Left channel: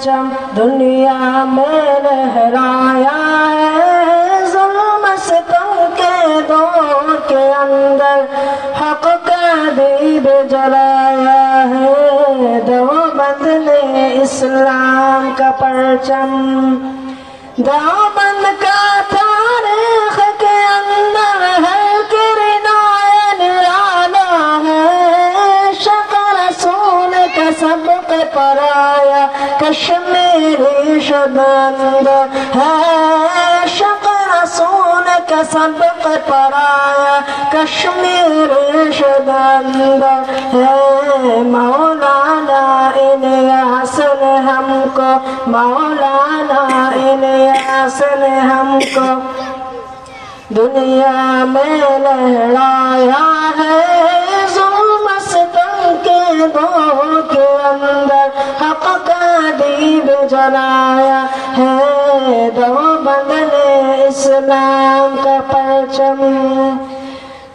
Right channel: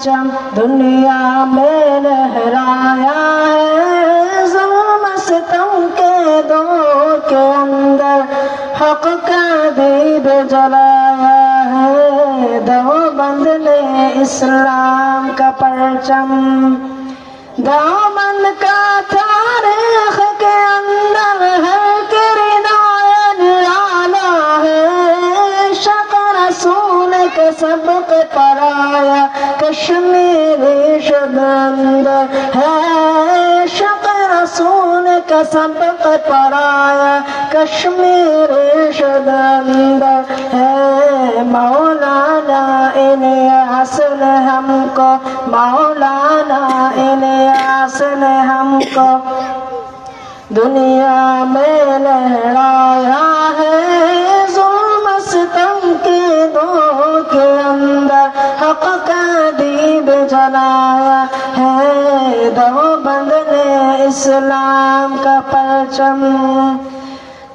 دنیا میں لہرایا ہے ظلم ستم کے دور کے اندر حق کا دیب جلایا ہے دیوبند نے اسلام کا پرچم دیوبند کا تاریخ کے اندر ہے کردار نرالا ہے شق رسول کا سبق پرایا کشمیری شبند ہے شق رسول کا سبق پرایا کشمیری شبند ہے مولانا الیاس نے ہم کو مولانا الیاس نے ہم کو دنیا میں لہرایا ہے ظلم ستم کے دور کے اندر حق کا دیب جلایا ہے دیوبند نے اسلام کا پرچم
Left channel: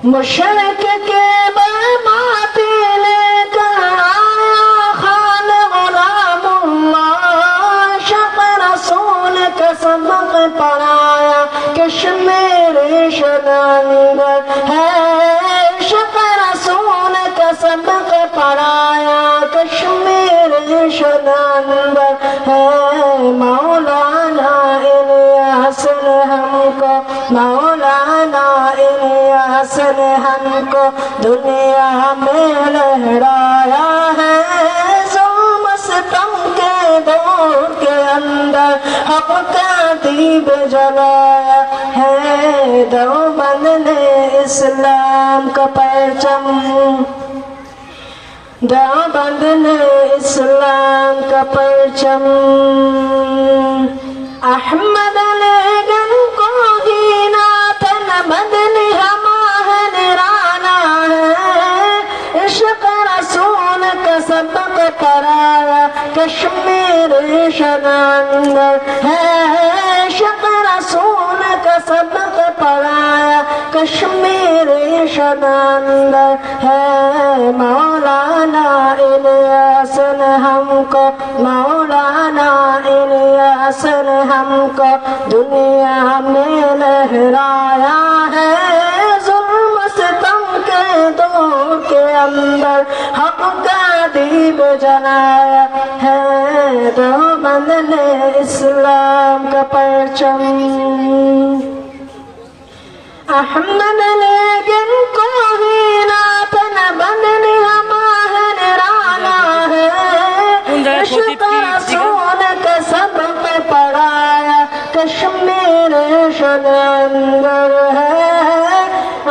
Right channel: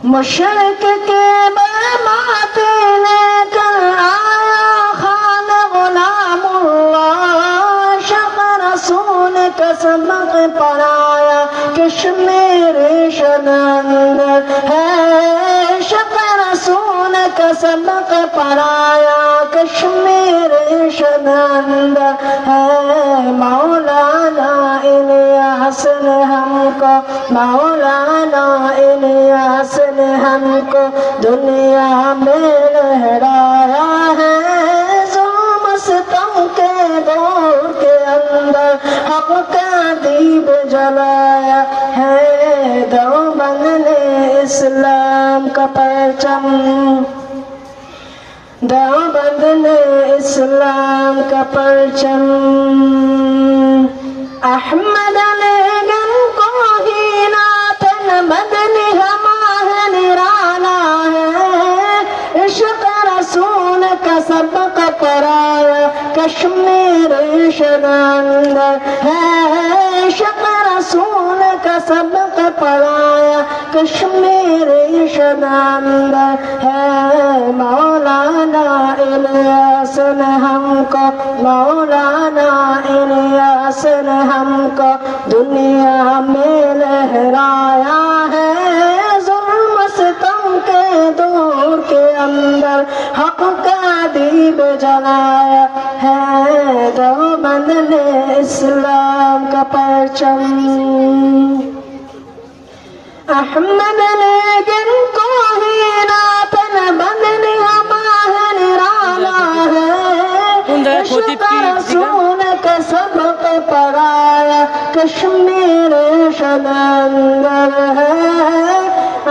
مشرق کے برماتی لے کر آیا خان غلام اللہ شق رسول کا سبق پڑھایا کشمیری شبند ہے شق رسول کا سبق پڑھایا کشمیری شبند ہے مولانا الیاس نے ہم کو مولانا الیاس نے ہم کو دنیا میں لہرایا ہے ظلم ستم کے دور کے اندر حق کا دیب جلایا ہے دیوبند نے اسلام کا پرچم دیوبند نے اسلام کا پرچم احمد علی گن کو ہی نات مدنی ہمارا نرانا ہے عشق رسول کا سبق پرایا کشمیری شبند ہے عشق رسول کا سبق پرایا کشمیری شبند ہے مولانا الیاس نے ہم کو مولانا الیاس نے ہم کو دنیا میں لہرایا ہے ظلم ستم کے دور کے اندر حق کا دیب جلایا ہے دیوبند نے اسلام کا پرچم احمد علی گن کو ہی نات بدنی ہمارا نرالا ہے عشق رسول کا سبق پڑھایا کشمیری شبند ہے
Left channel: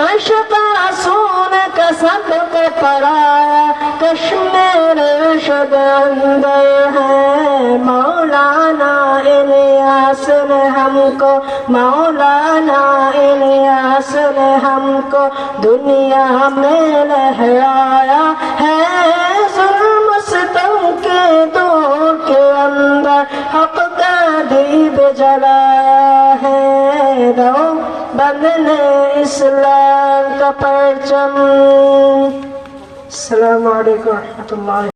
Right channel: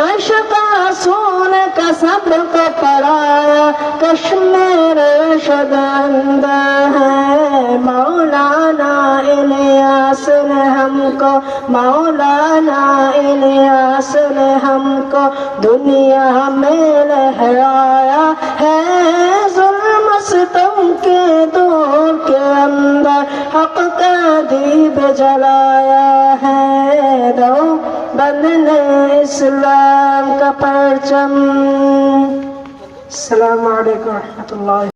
عشق رسول کا سبق پڑھایا کشمیری شبند ہے مولانا الیاس نے ہم کو مولانا الیاس نے ہم کو دنیا میں لہرایا ہے ظلم ستم کے دور کے اندر حق کا دیب جلایا ہے دیوبند نے اسلام کا پرچم السلام علیکم ورحمۃ اللہ